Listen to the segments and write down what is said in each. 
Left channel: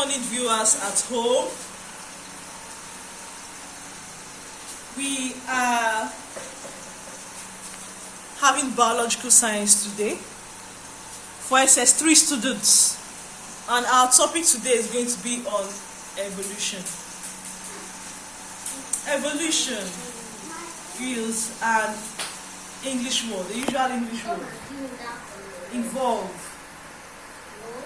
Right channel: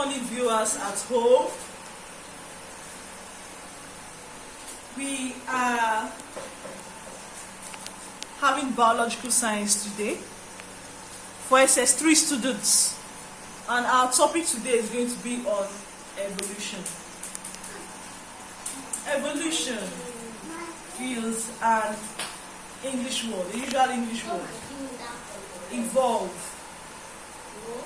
morning, viewers at home. We are having biological science today for SS3 students, and our topic today is going to be on evolution. Evolution is an English word, the usual English word.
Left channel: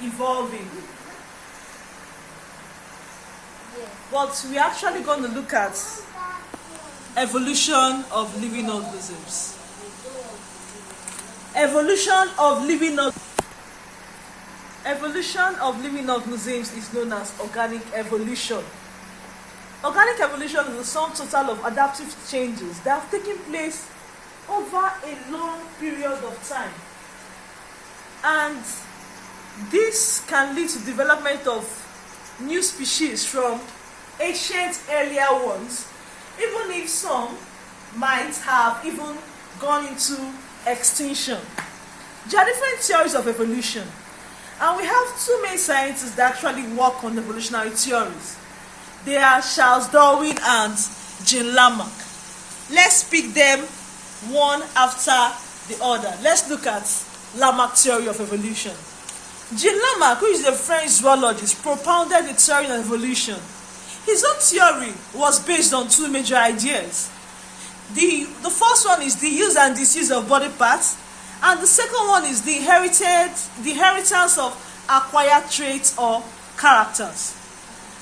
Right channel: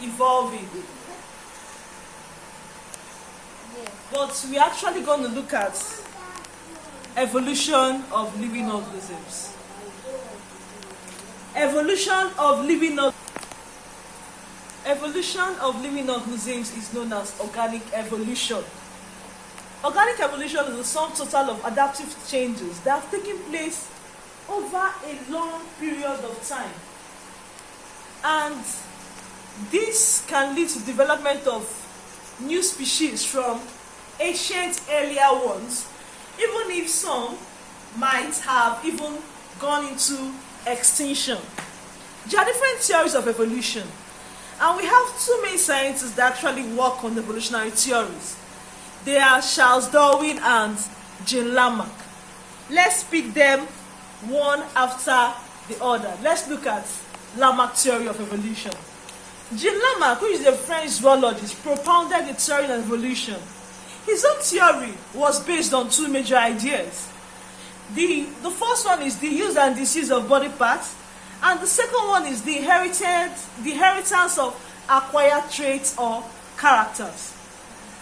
Evolving. But we're actually going to look at evolution of living organisms. Evolution of living organisms is known as organic evolution. Organic evolution is the sum total of adaptive changes that have taken place over a long period of time. And this can lead to development of new species from ancient earlier ones, even if some might have even gone into extinction. There are different theories of evolution, and we have two main scientists that actually work on evolutionary theories. They are Charles Darwin and Jean Lamarck. Let's pick them one after the other. Let's look at Lamarck's theory of evolution. Jean Lamarck, who is a French zoologist, propounded the theory of evolution. His own theory was based on two major ideas. The first one is the use and disuse of body parts, and the second one is the inheritance of acquired traits or characters.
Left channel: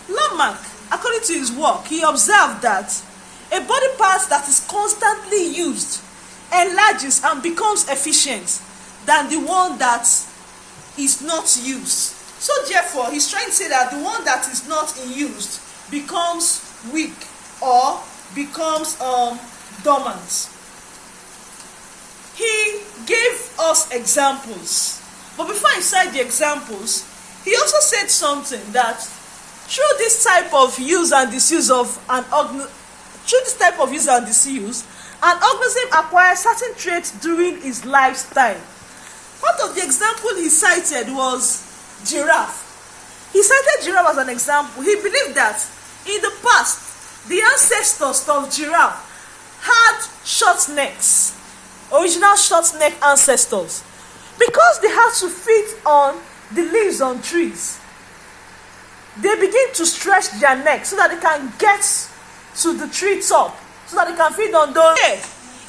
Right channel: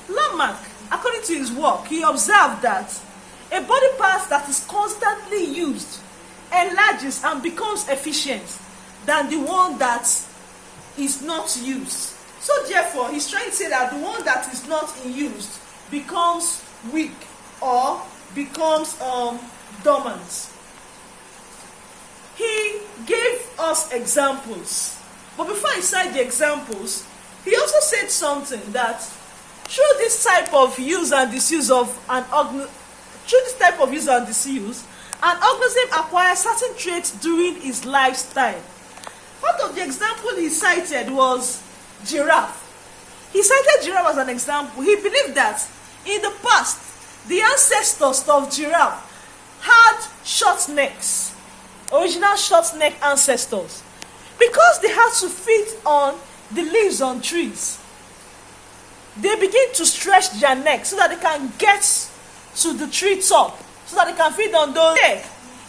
Lamarck, according to his work, he observed that a body part that is constantly used enlarges and becomes efficient than the one that is not used. So therefore, he's trying to say that the one that is not in use becomes weak or becomes dormant. He gave us examples, but before he cited the examples, he also said something that through this type of use and disuse of an organism, an organism acquires certain traits during his lifetime. One of the examples he cited was giraffe. He cited giraffe as an example. He believed that in the past, the ancestors of giraffe had short necks, original short neck ancestors, because they had to feed on the leaves on trees. They begin to stretch their neck so that they can get to the tree top, so that they can feed on those.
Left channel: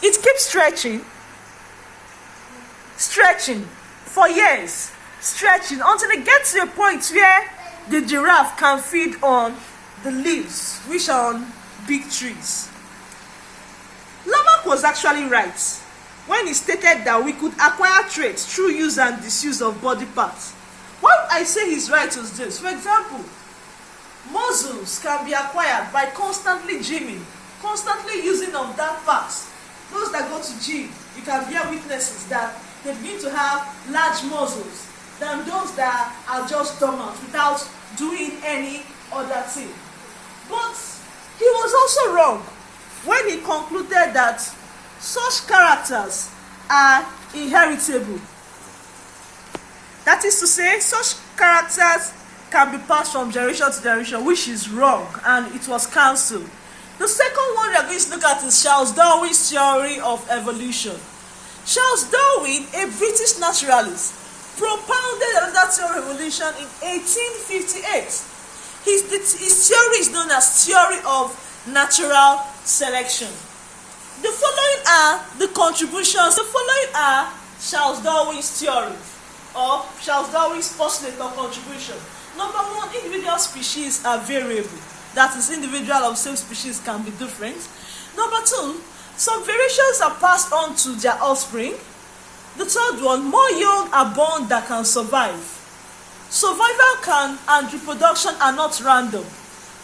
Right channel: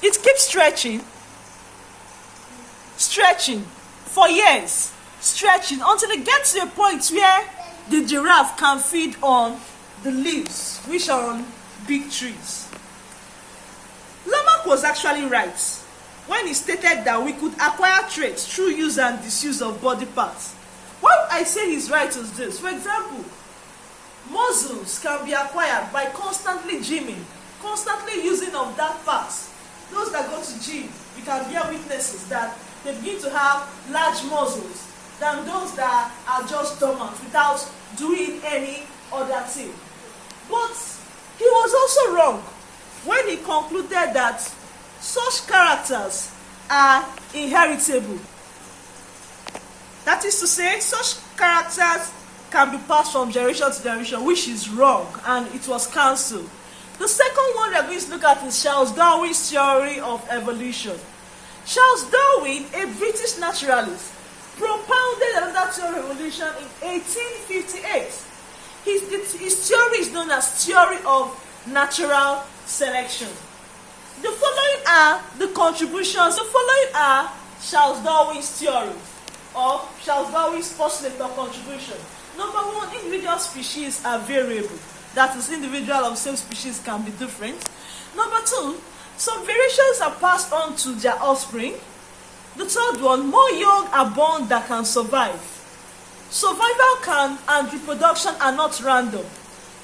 It keeps stretching for years, stretching until they get to a point where the giraffe can feed on the leaves which are on big trees. Lamarck was actually right when he stated that we could acquire traits through use and disuse of body parts. What I say he's right is this. For example, muscles can be acquired by constantly gymming, constantly using of that part. Those that go to gym, you can bear witnesses that they begin to have large muscles than those that are just dormant without doing any other thing. But he was also wrong when he concluded that such characters are inheritable. That is to say, such characters can be passed from generation to generation, which is wrong, and it was cancelled. The second one we are going to look at is Charles Darwin's theory of evolution. Charles Darwin, a British naturalist, propounded another theory of evolution in 1858. His theory is known as theory of natural selection. The following are the contributions. The following are Charles Darwin's theory, or Charles Darwin's postulate or contribution. Number one, individual species are variable. That is, individual of same species can be different. Number two, some variations are passed on to their offspring. The third one, more young are born that can survive. Survival and reproduction are not random.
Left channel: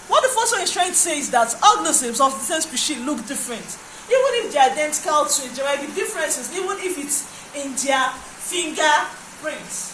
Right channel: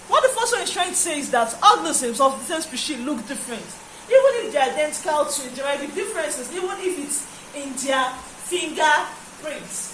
What the first one is trying to say is that organisms of the same species look different. Even if they are identical twins, there might be differences, even if it's in their fingerprints.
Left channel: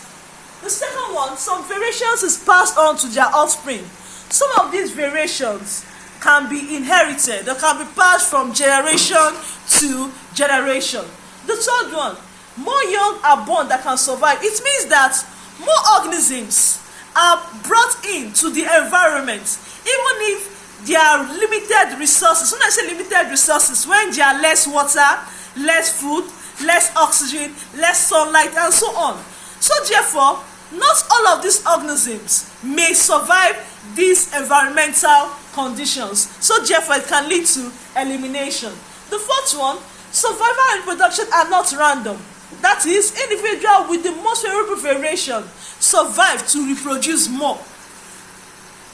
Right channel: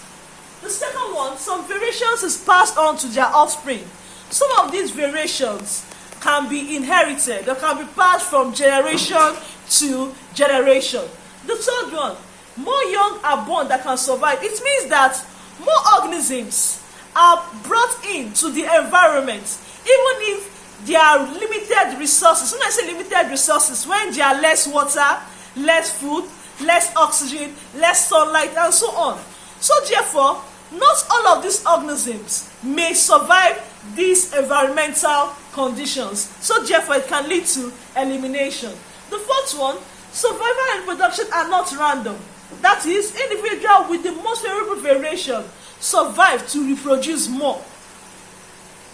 The second one, some variations is passed on to their offspring. Some of these variations can be inherited or can be passed from generation to generation. The third one, more young are born that can survive. It means that more organisms are brought into the environment, even if there are limited resources. When I say limited resources, when there are less water, less food, less oxygen, less sunlight, and so on. So therefore, not all of these organisms may survive these environmental conditions. So therefore, it can lead to elimination. The fourth one, survival and reproduction are not random. That is, individual with the most favorable variation survive to reproduce more.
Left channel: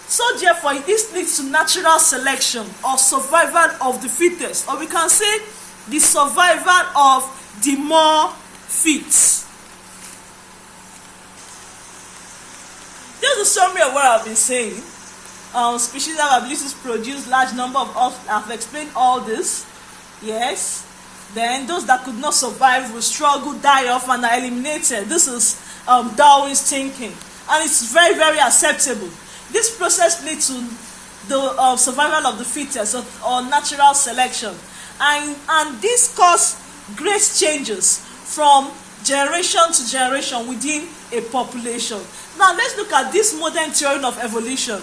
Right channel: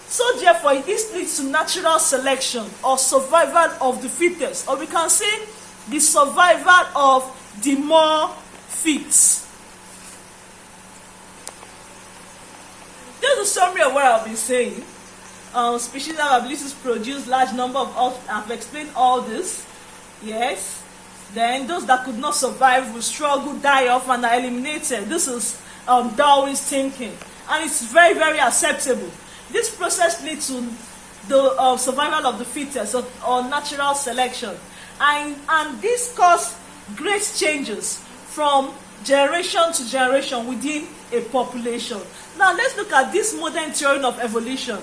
So therefore, this leads to natural selection or survival of the fittest, or we can say the survival of the more fit. This is a summary of what I've been saying. Species have abilities to produce large number of offspring. I've explained all this. Yes. Then those that could not survive will struggle, die off, and are eliminated. This is Darwin's thinking, and it's very, very acceptable. This process leads to the survival of the fittest, or natural selection, and this causes great changes from generation to generation within a population. Now let's look at this modern theory of evolution.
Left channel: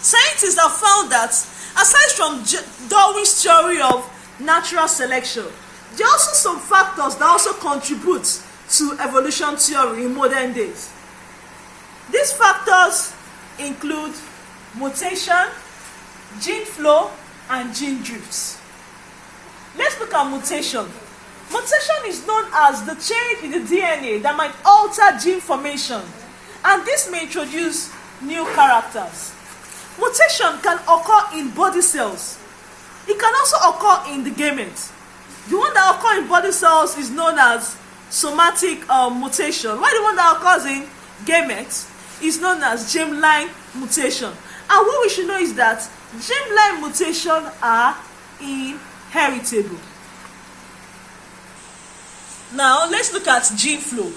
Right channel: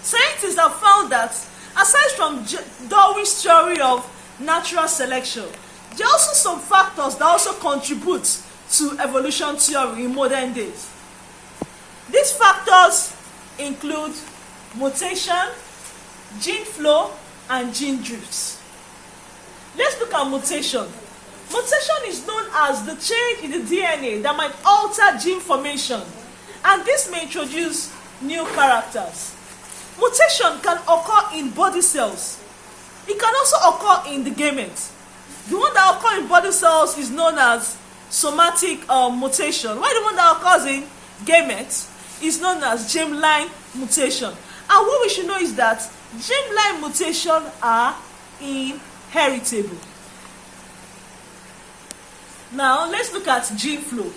Scientists have found that aside from Darwin's theory of natural selection, there are also some factors that also contribute to evolution theory in modern days. These factors include mutation, gene flow, and gene drifts. Let's look at mutation. Mutation is known as the change in the DNA that might alter gene formation, and this may introduce new characters. Mutation can occur in body cells. It can also occur in the gametes. The one that occurs in body cells is known as somatic mutation, while the one that occurs in gametes is known as germline mutation. And what we should know is that germline mutation are inheritable. Now let's look at gene flow.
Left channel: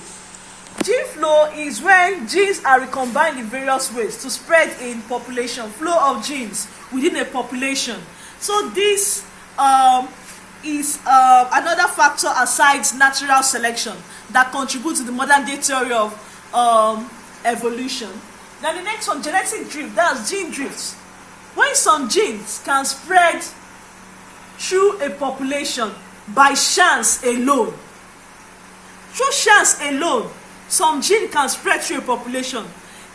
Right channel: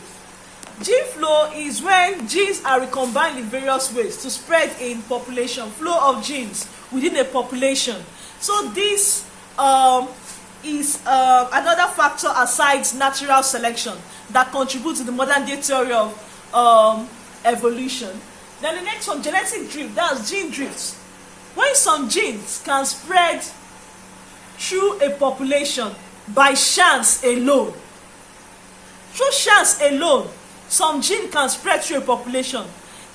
Gene flow is when genes are recombined in various ways to spread in population, flow of genes within a population. So this is another factor aside natural selection that contributes to the modern day theory of evolution. Then the next one, genetic drift, that's gene drifts. When some genes can spread through a population by chance alone. Through chance alone, some gene can spread through a population.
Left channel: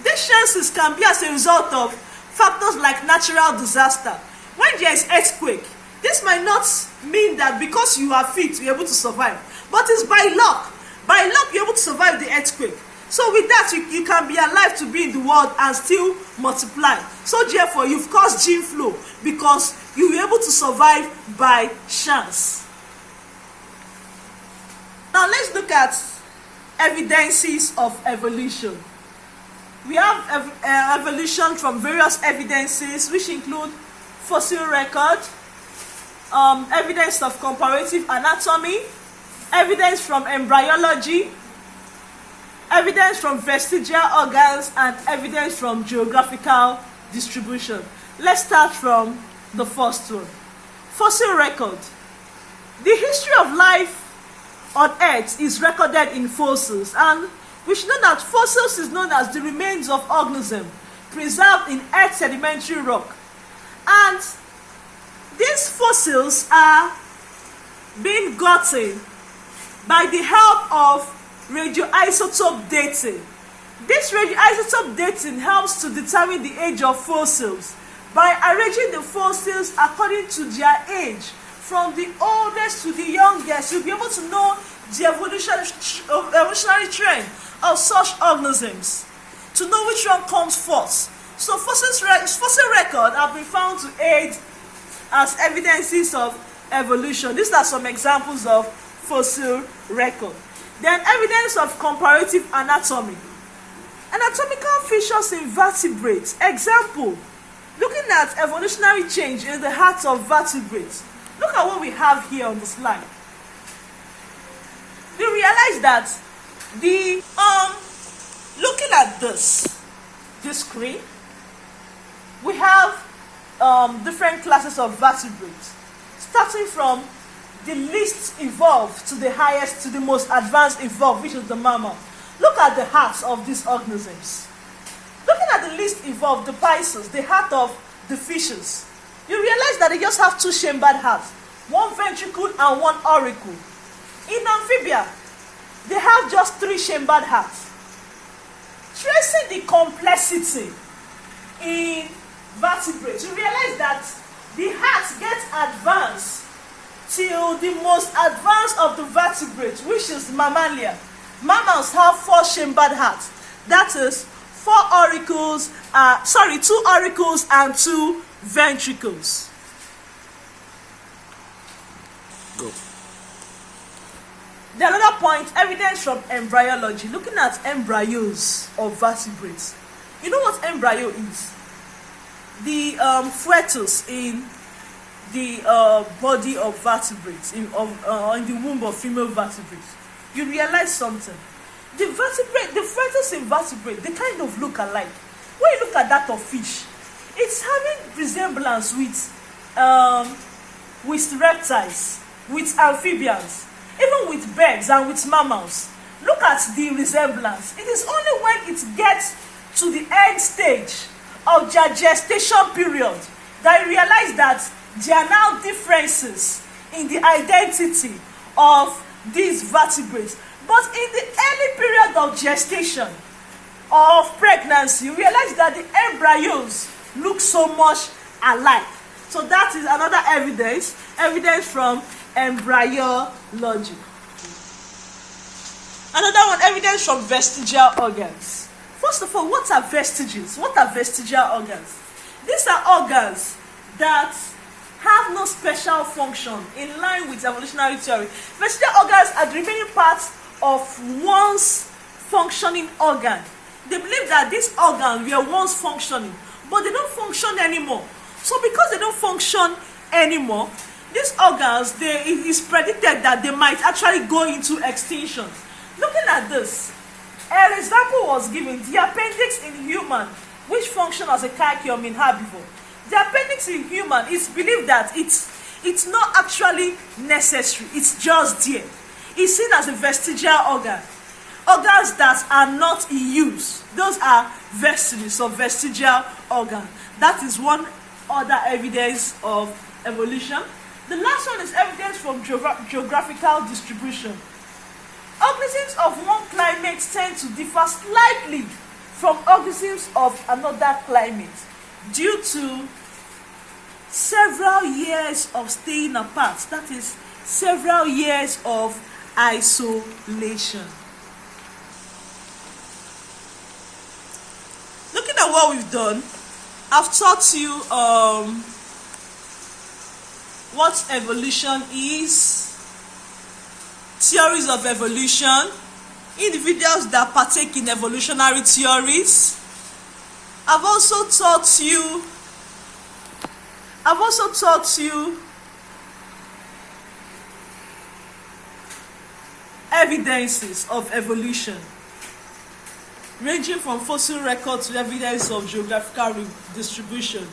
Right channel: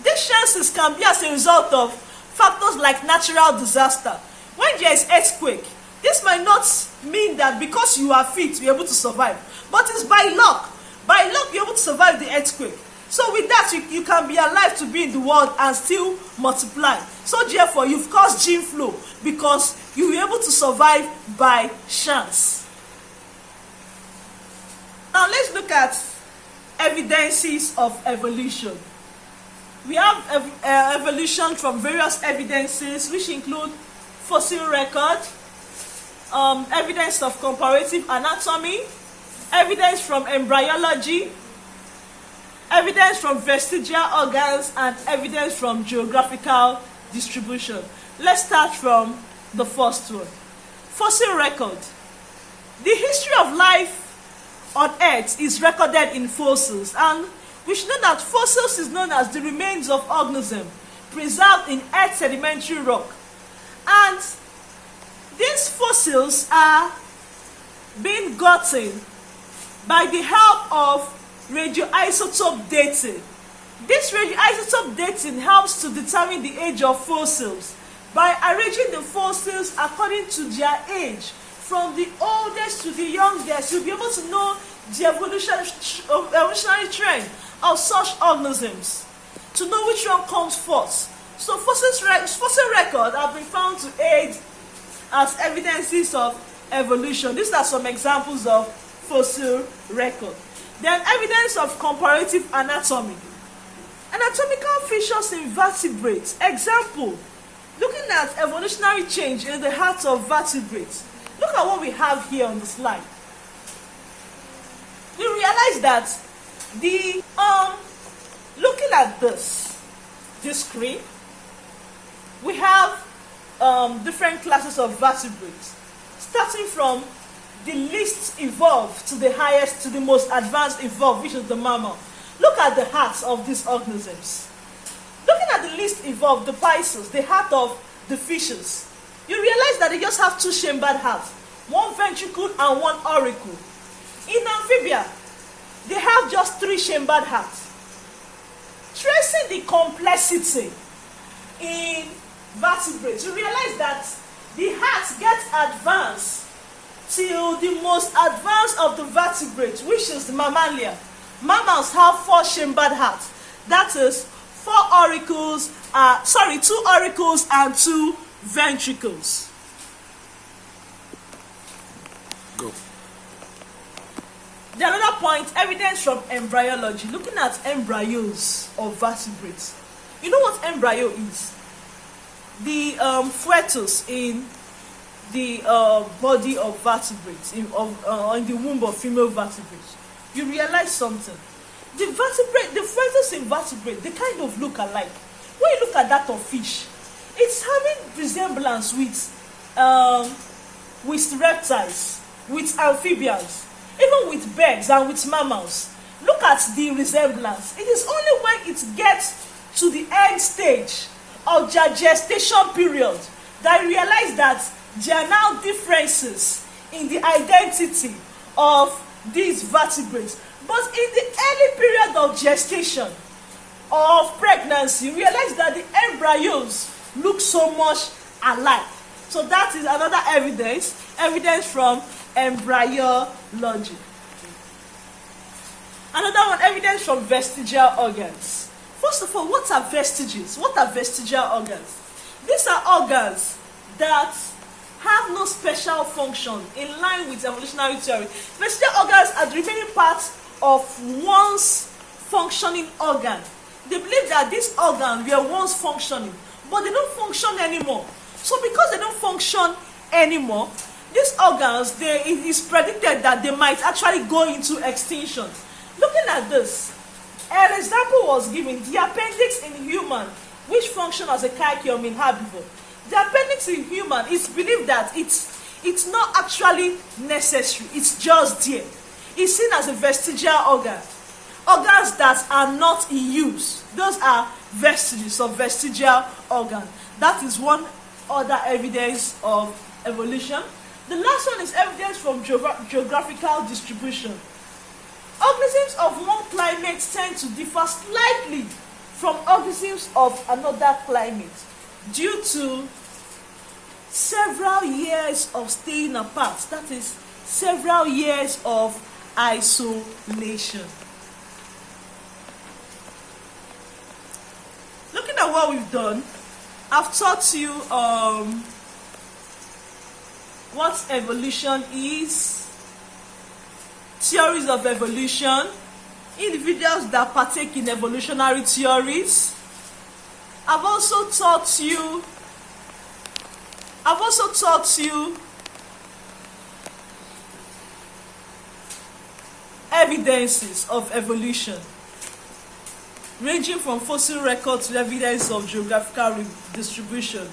These chances can be as a result of factors like natural disaster. When there is earthquake, this might not mean that because you are fit, you're able to survive, but it's by luck. By luck, you're able to survive the earthquake. So with that, you can be alive to be in the world and still multiply. So therefore, you've caused gene flow because you were able to survive by chance. Now let's look at evidences of evolution. We have evolution from various evidences, which include fossil record, evidence of comparative anatomy, evidence from embryology, evidence from vestigial organs, and evidence from geographical distribution. Let's start from the first one. Fossil record. The history of life on Earth is recorded in fossils, and we should know that fossils is known as the remains of organisms preserved in Earth's sedimentary rock. And these fossils are being gotten by the help of radioisotope dating. This radioisotope dating helps to determine the age of fossils by arranging the fossils according to their age, from the oldest to the youngest. You'll be able to know the evolutionary trend of such organisms, to know which one comes first. So fossil records have been found to aid as evidences of evolution. These are some examples of fossil record. Then evidence of comparative anatomy. Anatomical features in vertebrates. Example, looking at evolutionary change in the heart of vertebrates. Look at what we have here on the slide. You realize that looking at this screen, we have different classes of vertebrates, starting from the least evolved to the highest, to the most advanced evolved, which is the mammal. Look at the hearts of these organisms. Looking least evolved, the pisces, the heart of the fishes, you realize that they just have two chambered hearts, one ventricle and one auricle. In amphibia, they have just three chambered hearts. Tracing the complexity in vertebrates, you realize that the heart gets advanced till the most advanced of the vertebrates, which is the mammalia. Mammals have four chambered hearts. That is two auricles and two ventricles. Go. The another point, evidence from embryology, looking at embryos of vertebrates. You know what embryo is? The fetus in the body of vertebrates, in the womb of female vertebrates. You realize something. The fetus in vertebrate, they kind of look alike. When you look at that of fish, it's having resemblance with reptiles, with amphibians, even with birds and with mammals. Look at the resemblance. It is only when it gets to the end stage of their gestation period that you realize that there are now differences in the identity of these vertebrates. But in the early period of gestation, of pregnancy, you realize that the embryos look so much alike. So that is another evidence from embryology. Another one, evidence from vestigial organs. First of all, what are vestiges? What are vestigial organs? These are organs that have no special function in line with evolutionary theory. Vestigial organs are the remaining parts of one's functioning organ. They believe that these organs were once functioning, but they don't function anymore. So because they don't function anymore, these organs, it is predicted that they might actually go into extinction. Looking at this, an example was given, the appendix in human, which function as a caecum in herbivore. The appendix in human is believed that it's not actually necessary, it's just there. It's seen as a vestigial organ. Organs that are not in use, those are vestiges of vestigial organ. That is one other evidence of evolution. The last one is evidence from geographical distribution. Organisms of one climate tend to differ slightly from organisms of another climate due to several years of staying apart. That is, several years of isolation. Looking at what we've done, I've taught you what evolution is, theories of evolution, individuals that partake in evolutionary theories. I've also taught you evidences of evolution, ranging from fossil records to evidence of geographical distribution.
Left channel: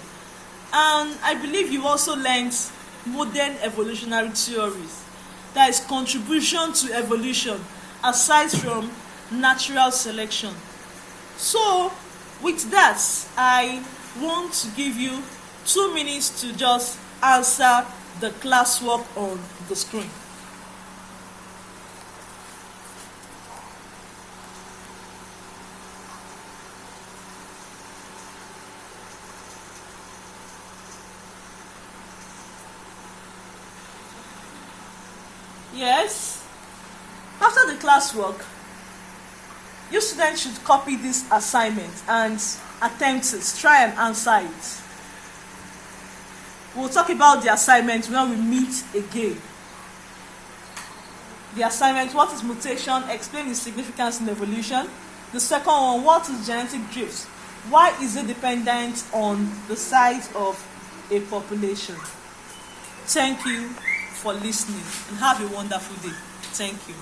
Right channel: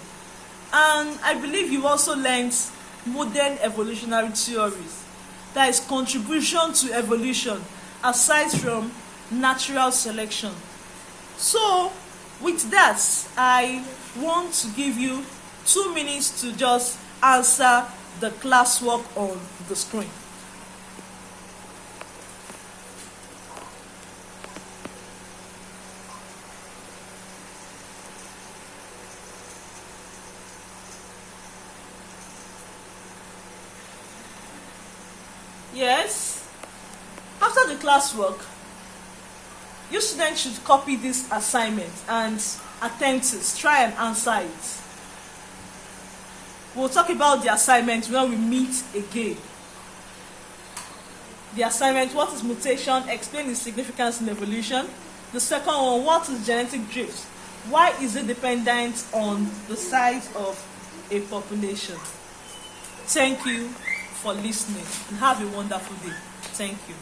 And I believe you also learned modern evolutionary theories, that is contribution to evolution aside from natural selection. So with that, I want to give you 2 minutes to just answer the classwork on the screen. Yes, after the classwork, you students should copy this assignment and attempt it. Try and answer it. We'll talk about the assignment when we meet again. The assignment, what is mutation? Explain its significance in evolution. The second one, what is genetic drift? Why is it dependent on the size of a population? Thank you for listening and have a wonderful day. Thank you.